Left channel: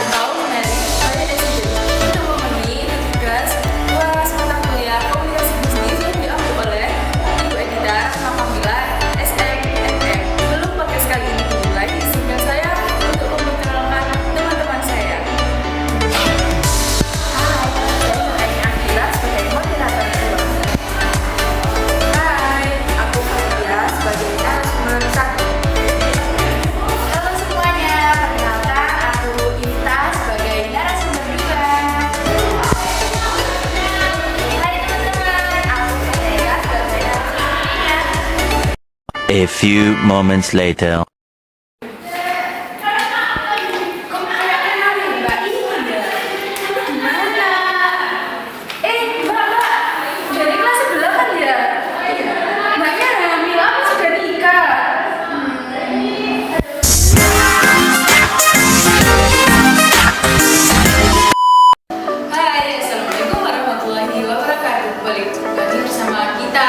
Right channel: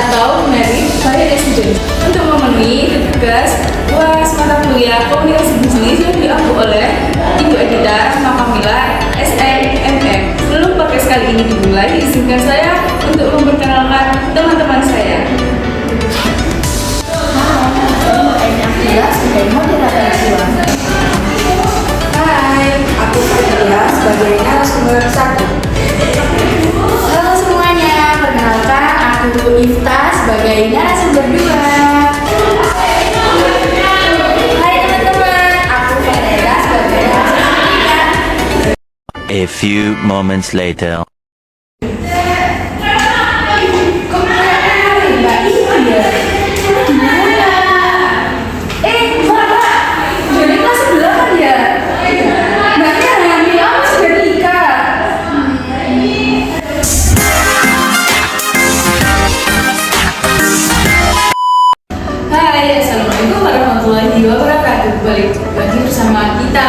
atau merit by resident untuk memenuhi tugas luas mata kuliah komunikasi bisnis yang diambil oleh Ibu Edita Makamila SNMM. Sebelum podcast kali ini dimulai, izinkan saya untuk memperkenalkan teman-teman saya. Hai, aku Fadila sebagai narasumber 1. Halo semuanya, perkenalkan aku Ifta sebagai narasumber 2. Hai teman-teman, aku Ferreira sebagai narasumber 3. A few moments later. Balik lagi bersama kita.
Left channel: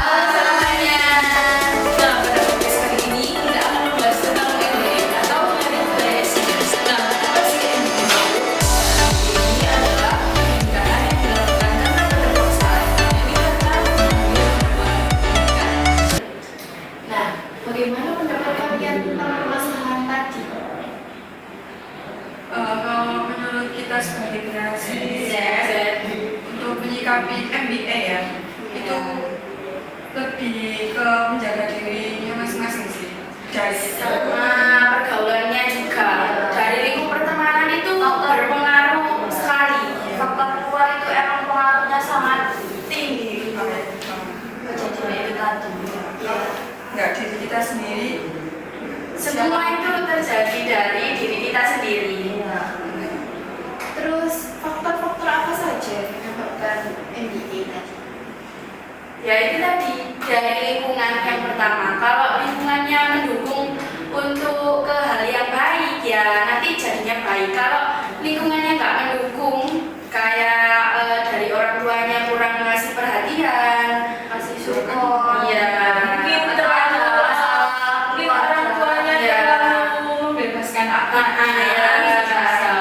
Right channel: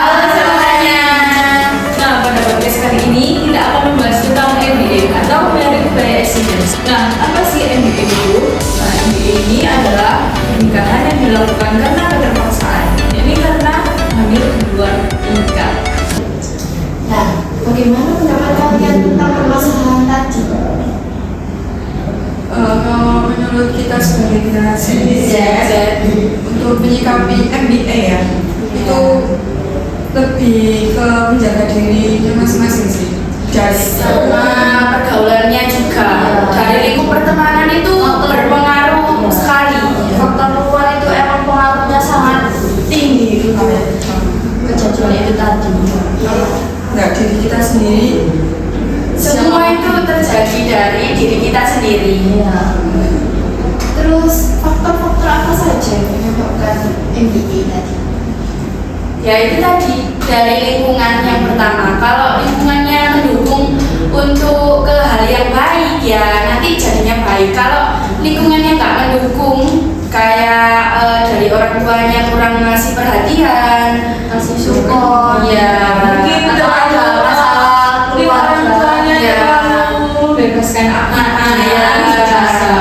Halo semuanya. Nah, pada podcast kali ini kita akan membahas tentang MBA atau Married by Accident. Nah, apa sih MBA itu? Nah, MBA ini adalah pernikahan yang dilakukan karena keterpaksaan, yakni karena hamil di luar nikah. Nah, bagaimana pendapat kalian tentang permasalahan tadi? Kalau menurut kita sebagai generasi Z, untuk menyikapi MBA ya, itu lebih ke menjaga dirinya masing-masing sih. Sama pergaulannya juga. Dari lingkup pertemanan itu berpengaruh sekali. Faktor luar itu emang pengaruhnya sangat tinggi. Kejadian itu tadi. Nggak diri kita sendiri, Semua itu terjadi dari diri kita sendiri. Terus faktor-faktor apa saja yang menyebabkan MBA tadi? Ya itu tadi, dari lingkungan yang pertama. Kalau lingkungannya mendukung untuk ke hal yang baik, ya nanti jadinya baik. Kalau lingkungannya nggak mendukung, kayak dari orang tuanya kurang ngasih perhatian, kasih support, ya Mungkin atau ada masalah keluarga, orang tuanya ya. terlalu membebaskan anak-anak Iya. bisa.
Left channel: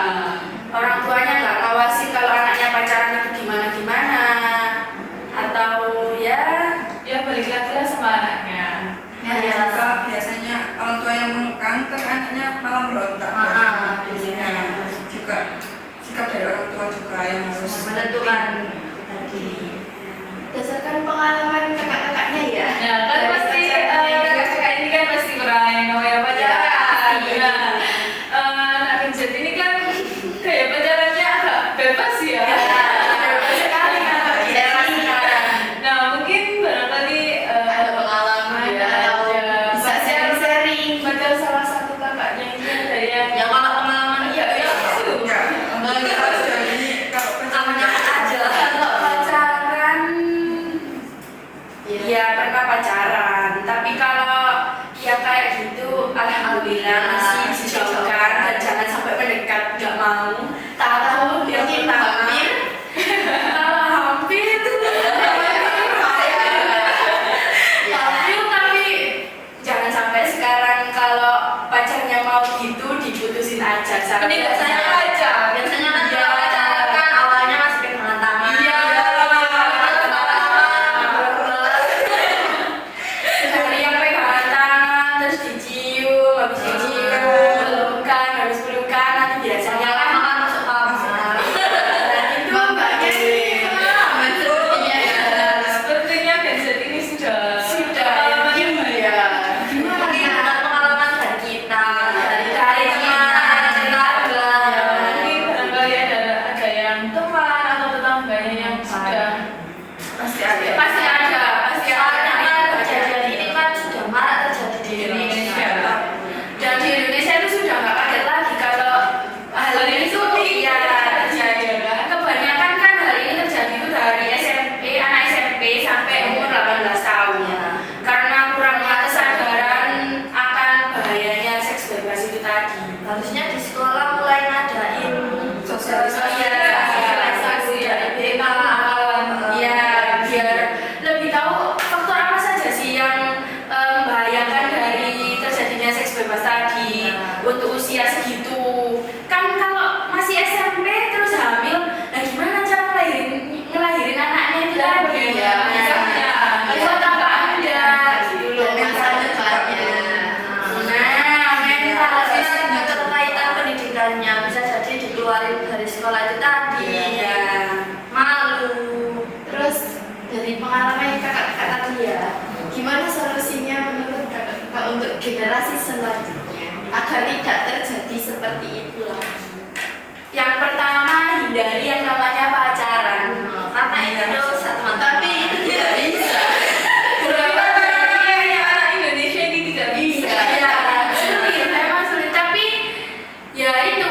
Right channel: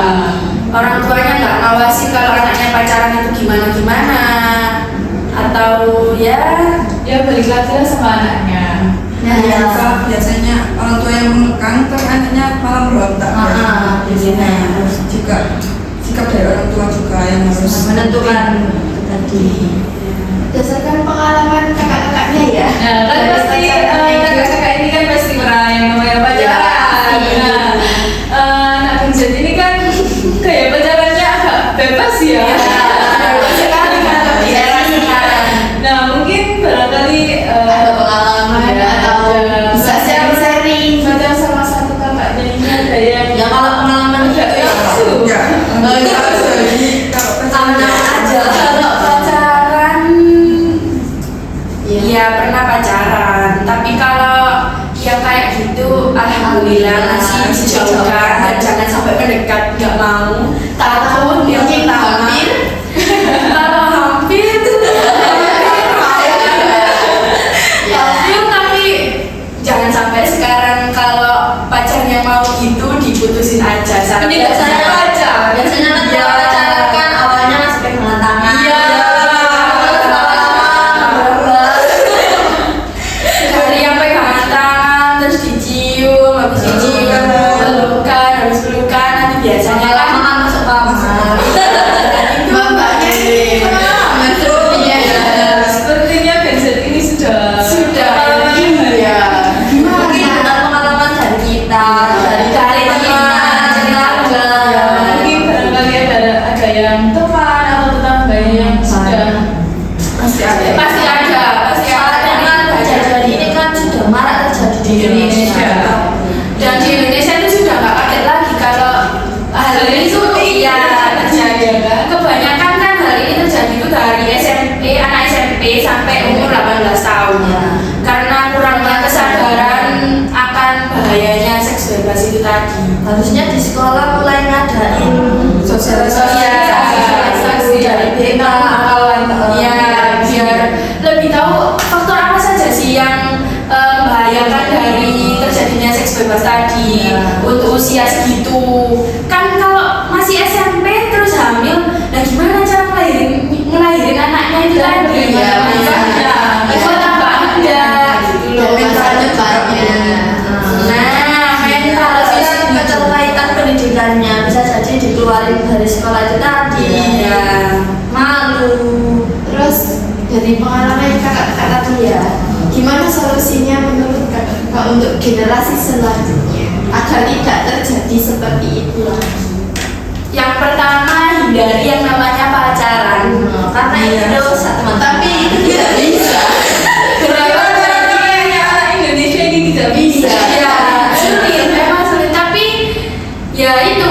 Orang tuanya nggak ngawasin kalau anaknya pacaran itu gimana-gimana, atau ya Balik lagi lah sama anaknya. ya. juga biasanya orang tua yang mengekang, terus anaknya malah berontak. Biasanya Juga sikap dari orang tua juga yang harus menentukan tadi berdasarkan pengalaman kakak-kakaknya ya. Nah, kan pasti kakak-kakak ini kan pasti pernah yang namanya pacaran. Pasti. Nah, anak Genjet ini kan kayak pacarannya agak bebas ya. Bebas sekali kalau di era sekarang. Nah, mungkin barangkali Ada pengalaman atau bisa sharing-sharing. pacar salah satu kakaknya ini ada yang Ya kalau pengalaman gitu ya ya. Jadi kalau aman-aman aja. Kalau pacaran, iya pernah pacaran. Tapi kalau yang kayak gitu, alhamdulillah masih dijauhkan dan jangan sampai mendekat, nggak mau. Takut yang kita hampir. Kalau hampir, hampir tapi jangan sampai sekarang kalau pacarnya mau gitu diputusin aja. Ini biasanya pacar. Biasanya kan kalau pacaran kan awalnya masih pegangan tangan. Iya. Dari yang pegangan tangan terus dicium, habis dicium pelukan, habis pelukan nanti biasanya kan masuk kamar. Itu mbaknya sepertinya ya. sepertinya Genjet ini sudah Ya. Mungkin dengan pengalaman dari kita, dari teman, tetangga. mungkin barangkali ada yang teman atau tetangganya yang sudah pasti ada. Pasti ada. Karena kejadian ini kan sudah marak terjadi di Indonesia. Dan di Indonesia itu sudah nggak kaget lagi kalau hal ini tuh iya terjadi. Kebanyakan kan hal ini terjadi itu dari anak SMP sampai umur 18 tahun. Karena kurangnya kesadaran akan bahayanya seks bebas itu tadi. Harusnya di sekolah mulai ngadain sosialisasi dari BK ya biar lebih tahu faktor apa saja sih yang membahayakan dari terjadinya seks bebas tadi untuk usia segitu. Kan pacarnya, bisa jadi dikeluarin dari sekolah itu tadi. Iya. Malu. Terus dari pengalaman kakak-kakak tadi ya, gimana solusinya menurut kakak-kakak untuk generasi selanjutnya agar tidak terjadi seperti itu lagi? Yang pertama, hindari yang namanya pacaran. Karena itu dosa teman-teman. Tapi itu tidak bisa. Kenapa? Anak Indonesia ini tidak bisa. Ya, sulit, memang sulit. Tapi ya itu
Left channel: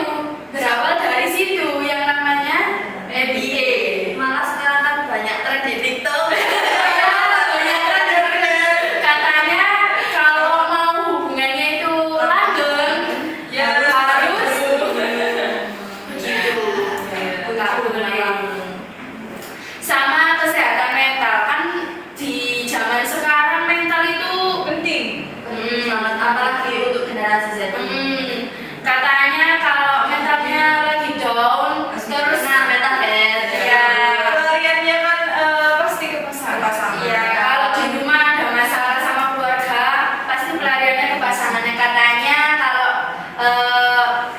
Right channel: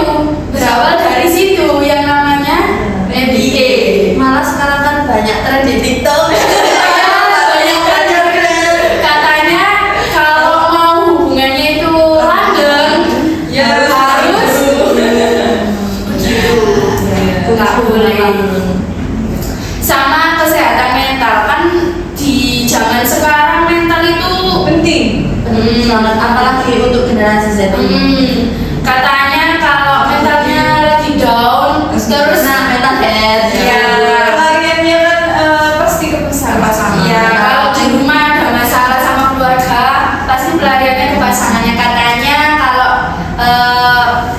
berawal dari situ yang namanya MBA. Malah sekarang kan banyak tren di TikTok. Banyak pacar. Katanya kalau mau hubungannya itu langgeng, Ya, harus begitu. Nggak boleh. Sama kesehatan mental kan di zaman sekarang mental itu penting. penting banget, apalagi untuk generasi Z. Katanya kalau mentalnya lagi down, terus mental health. Ya, Pelariannya kan pasti ke pasangan. ya kalau di rumah ada masalah sama keluarga, pasti pelariannya ke pasangannya. Katanya kalau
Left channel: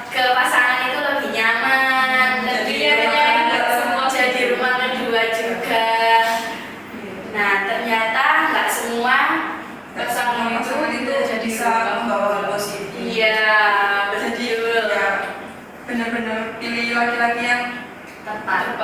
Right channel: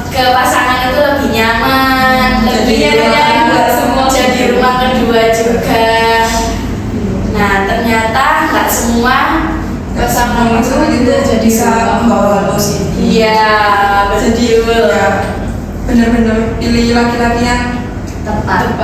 ke pasangan itu lebih nyaman, lebih nggak semua jadi rumah kedua juga. Nah ternyata nggak semua. pasangan itu bisa membawa hal positif. Iya, Jadi betul. ya benar-benar pilih laki-laki yang Tepat.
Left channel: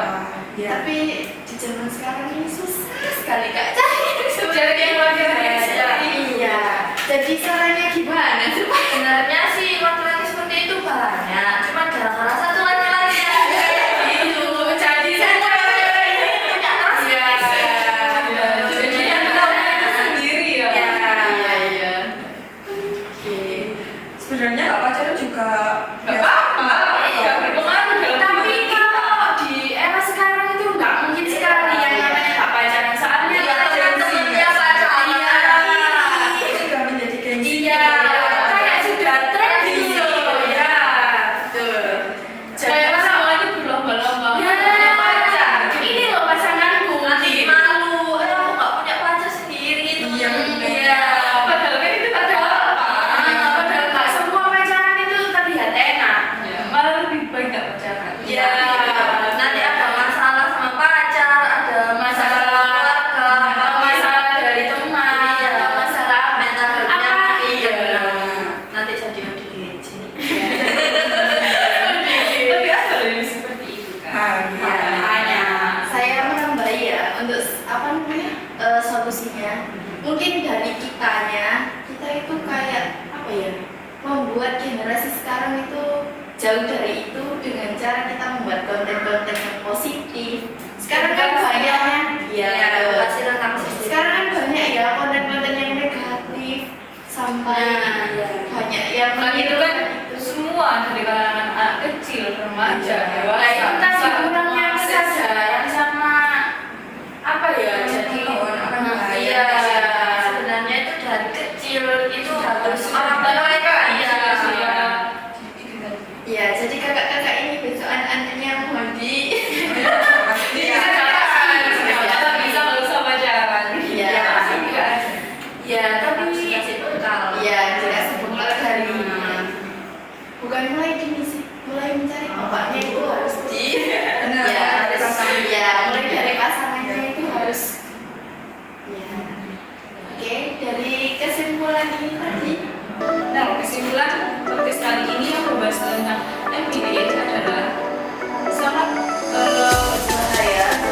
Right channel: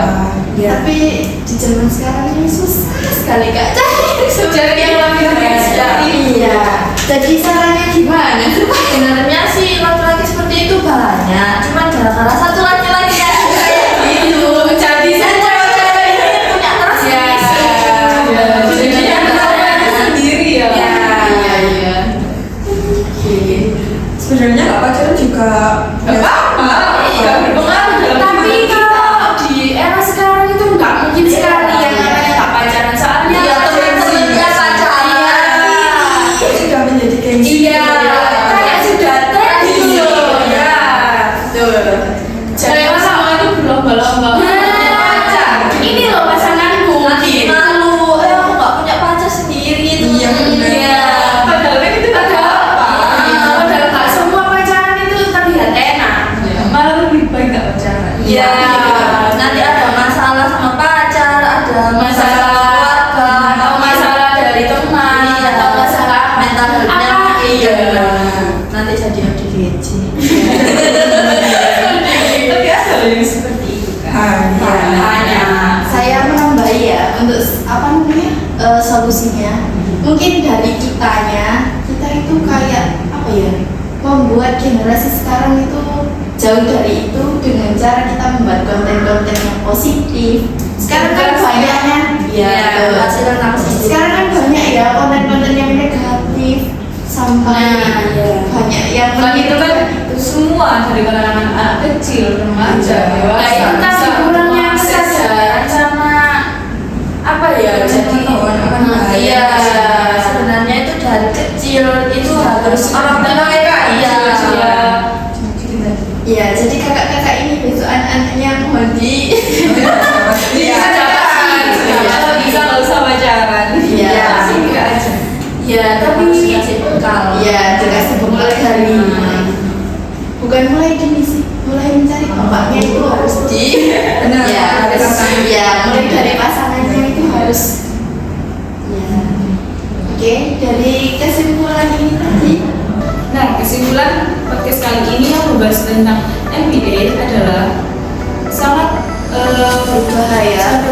Ya. Tapi di zaman sekarang ini susah sekali kak Cari yang laki-laki seperti itu. Iya. Jadi caranya gimana? Sebenarnya sih laki-laki seperti itu banyak, cuman gara-gara satu laki-laki yang kayak gitu, jadi cewek-cewek ini punya terus Ya, jadi yang namanya sendiri ya. iya. sebenarnya nggak pacaran juga Gak apa-apa, gak berpengaruh dalam Tapi hidup kita. kalau di era sekarang itu nggak mungkin sekali yang namanya nggak pacaran, soalnya Iya, temen-temennya pacaran. itu sudah menjadi gengsi. Iya, kayak sudah tren gitu. Iya. Betul. Jadi sama itu berlomba-lomba. Pacar. Ini loh pasanganku. Nanti malu, aku nggak punya pacar sendiri itu. Iya, benar. Iya. Padahal kan itu Padahal apa? Padahal nggak semua pacaran itu terlihat enak. Malah lebih baik gak pacaran. Iya. Nanti ada masalah sama pacar, ada masalah keluarga, atau masalah dari teman, atau masalah mental health-nya. Iya. Nanti jadi ODGJ. Tapi ada yang seperti itu kan. Makanya. Saya menambahi ya untuk apa namanya solusinya. Mungkin dari kita itu kayak apa ya, membuat generasi sekarang itu jauh dari itu dengan cara kita membuat konten-konten yang positif. Sekarang kan banyaknya Masih tentang positif. sekarang kan banyak ya konten-konten yang negatif sampai Nah, iya. banyak yang Kan itu kan semua dari kalangan anak kecil, remaja, dewasa. Nah itu kan bisa kurangnya mengakses. kesadaran sama apa ya, jadi Pengetahuan akan bahaya. iya, sebenarnya itu dari kecil itu harus orang tua mereka iya. ya jadi kakak-kakak ini besok anak-anaknya mohon di Iya, kalau bisa nggak usah pacaran. Iya. Pasti nggak aja. Ya tapi kasih bekal ya dikasih bekal dari bukan mulai dini sih, mulai mencari bapaknya itu harus di Benar, ya dari harus pasangan. ya mulai dari pasangannya itu harus ya. Oke, dari kesimpulan ini tadi Nah, kesimpulan podcast kali ini yang membahas tentang MBA adalah sangat berbahaya